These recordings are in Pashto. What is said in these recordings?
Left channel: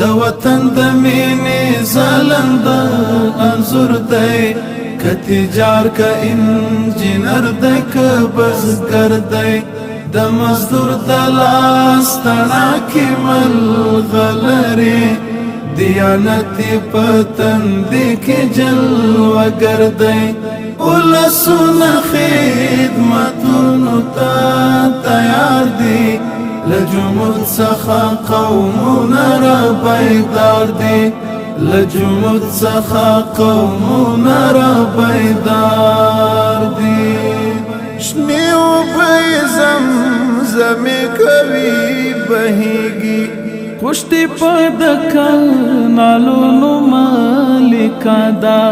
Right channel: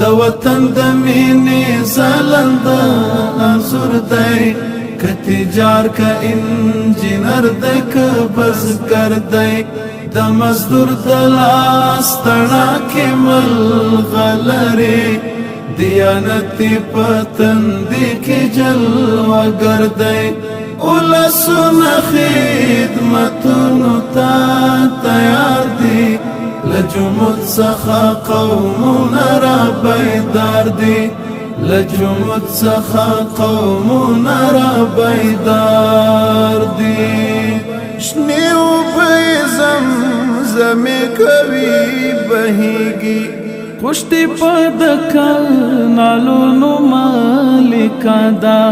د وطن د مینې ځلنده انځور دی، که تجار که انجینر دی که بزګر دی، د مزدور د لاس تڼاکې ملغلرې، دیانتي په تندي کې جلوه‌گر دی. ولسونه خدمتونو ته تیار دي، له جمود څخه قومونه را بیدار دي، له جمود څخه قومونه را بیدار دي. شنې اوبه زمزمې کوي بهیږي، کشتی په د کانالونو مالکه ده،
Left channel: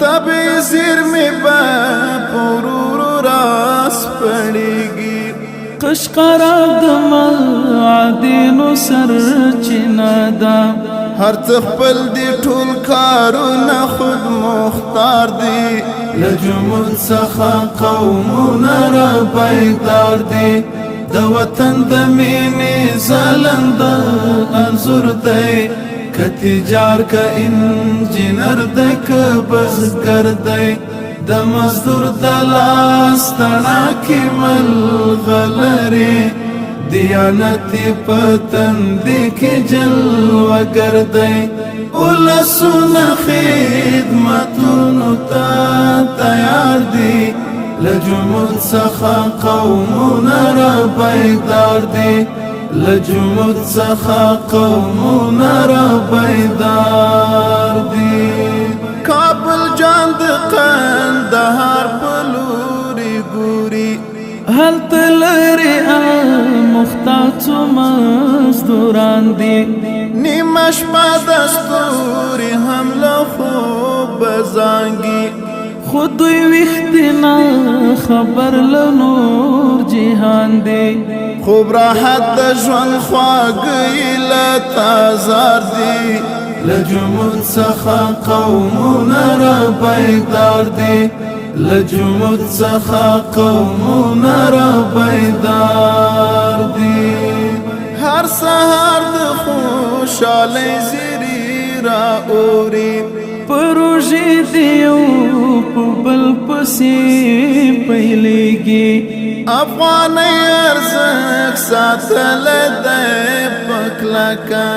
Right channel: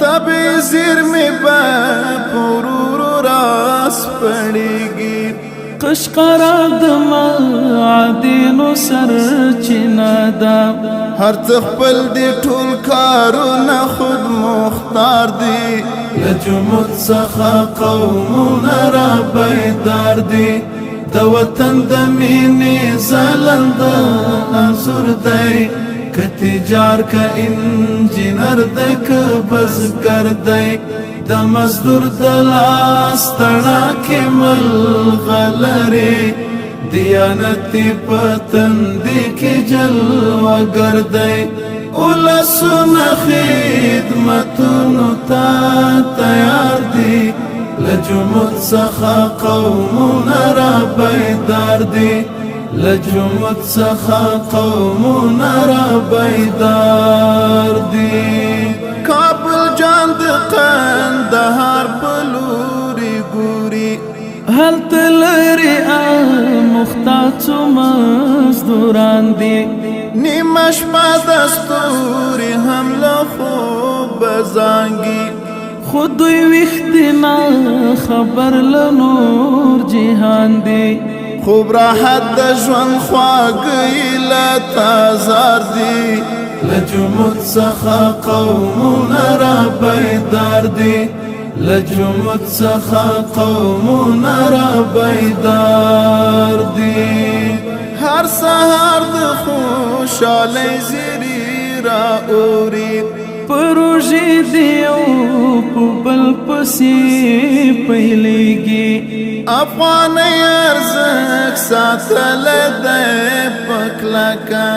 طبې زیرمې به په ورورو راسپړېږي. قشقرا د معادنو سرچینه ده، هر څه خپل دي ټول کارونه خود مختار دي، له جمود څخه قومونه را بیدار دي. د وطن د مینې ځلنده انځور دی، که تجار که انجینر دی که بزګر دی، د مزدور د لاس تڼاکې ملغلرې، دیانتي په تندي کې جلوه‌گر دی. ولسونه خدمتونو ته تیار دي، له جمود څخه قومونه را بیدار دي، له جمود څخه قومونه را بیدار دي. کابل جان د قندهار په لوري ګوري، هلته لرې مختاطو مزدوران دي، نیمه شپه د ستوري هم له خوبه زانګي، خو دوی ویښتې نه خبر له نور جهان دي. خوب راحت د ژوند خواږه له تازار دي، له جمود څخه قومونه را بیدار دي، له جمود څخه قومونه را بیدار دي. هر سهار د خوشحالۍ زیري را اوري، پروژې دی یو په بل پسې پیلېږي، افغانۍ ارزښت ساتلی دی په کلکه،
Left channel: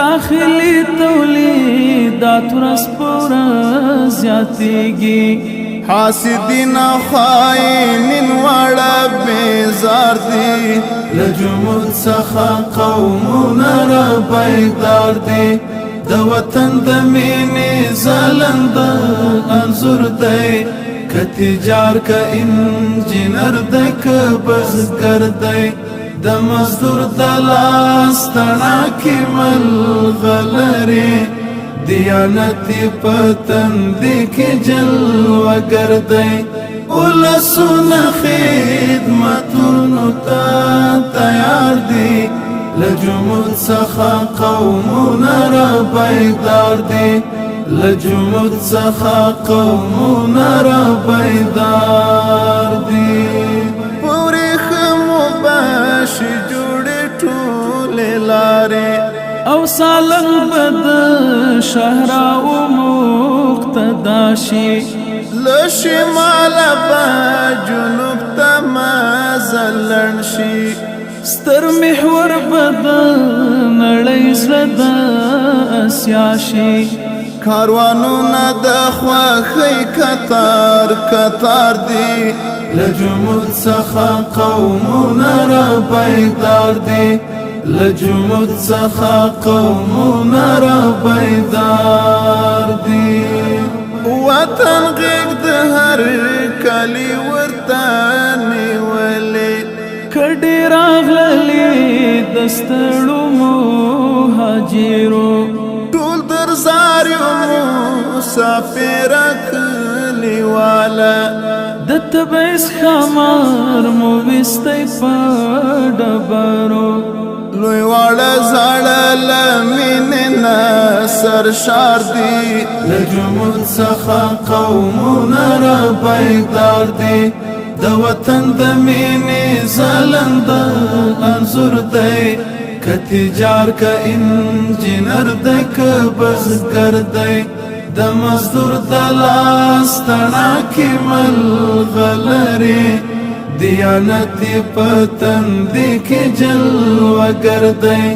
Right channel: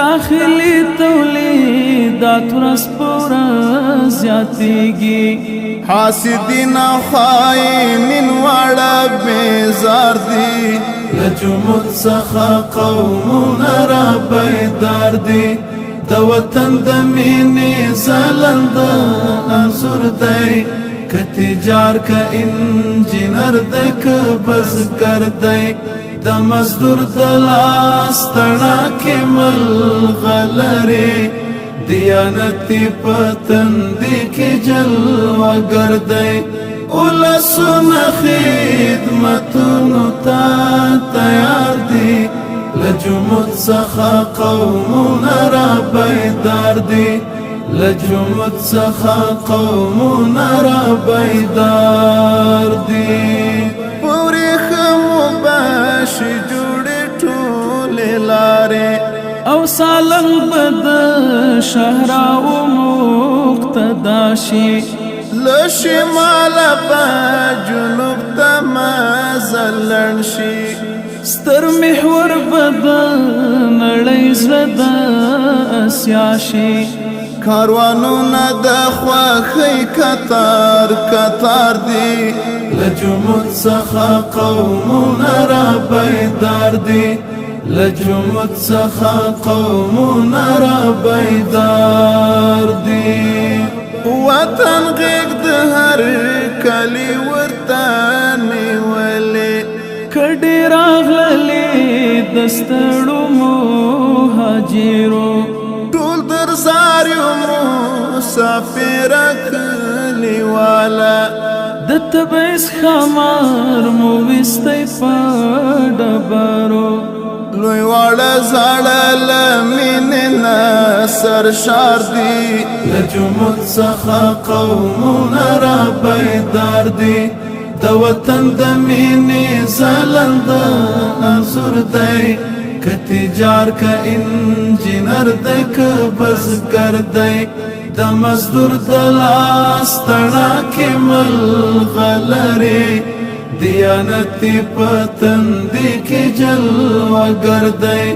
داخلي تولیدات ورځ په ورځ زیاتېږي، حاسدین او خاینین واړه بیزار دي، له جمود څخه قومونه را بیدار دي. د وطن د مینې ځلنده انځور دی، که تجار که انجینر دی که بزګر دی، د مزدور د لاس تڼاکې ملغلرې، دیانتي په تندي کې جلوه‌گر دی. ولسونه خدمتونو ته تیار دي، له جمود څخه قومونه را بیدار دي، له جمود څخه قومونه را بیدار دي. په ورېښمو به شي جوړې ټولې لارې، او سالنګ به د شهراو مقتدا شي، له شماله به جنوب ته مزل لړن شي، ستر محور به د نړۍ زړه د اسیا شي، کاروانونه د خوښۍ کتار کتار دي، له جمود څخه قومونه را بیدار دي، له جمود څخه قومونه را بیدار دي. وطن غیږ د هر کلي ورته نیولې، کډې راغللې د ستړو مهاجرو، ټول درزار یو مسافره کلیواله، د تبعیض ښامار مو ویستی په ډبرو، لوی واړه زاړه له مینې نه سرشار دي، له جمود څخه قومونه را بیدار دي. د وطن د مینې ځلنده انځور دی، کتجار کا انجینر دی که بزگر دی د مزدور د لاس تڼاکې ملغلرې دیانتي پتندې کې جلوهګر دی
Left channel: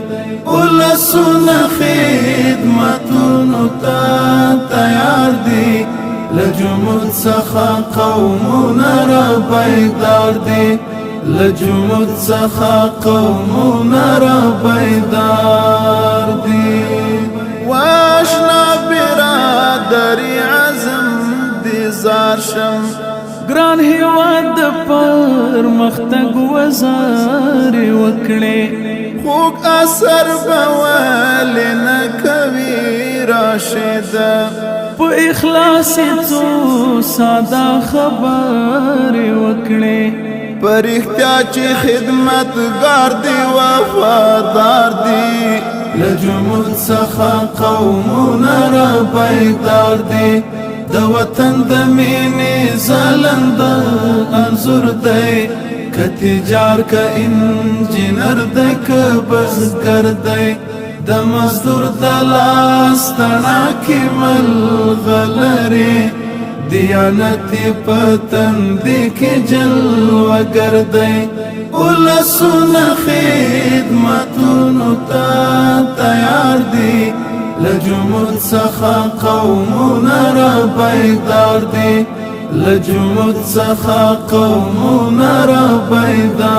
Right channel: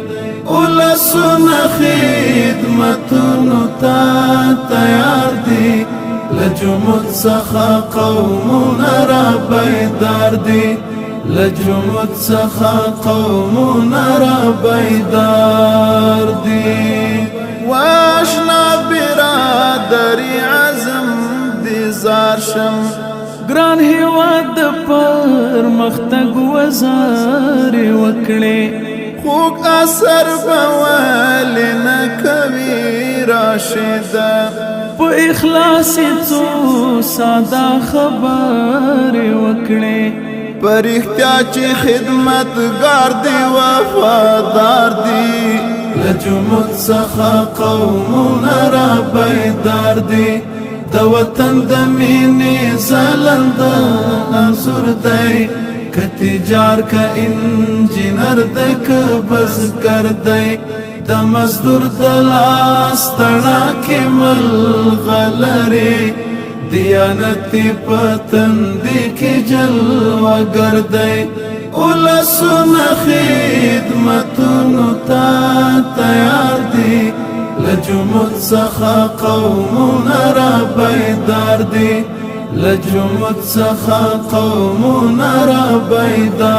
ولسونه خدمتونو ته تیار دي له جمود څخه قومونه را بیدار دي له جمود څخه قومونه را بیدار دي واشنا برادری عزم دی زار شم ګران هیواد پر مختګ وزار وکړي خوږ اثر به ولې نه کوي راشده په اخلاص څو ساده خبرې وکړي په رښتیا چې خدمتګار دي وفادار دي له جمود څخه قومونه را بیدار دي د وطن د مینې ځلنده انځور دی که تجار که انجینر دی که بزګر دی د مزدور د لاس تڼاکې ملغلرې دیانتي پتندې کې جلوهګر دی ولسونه خدمتونو ته تیار دي له جمود څخه قومونه را بیدار دي له جمود څخه قومونه را بیدار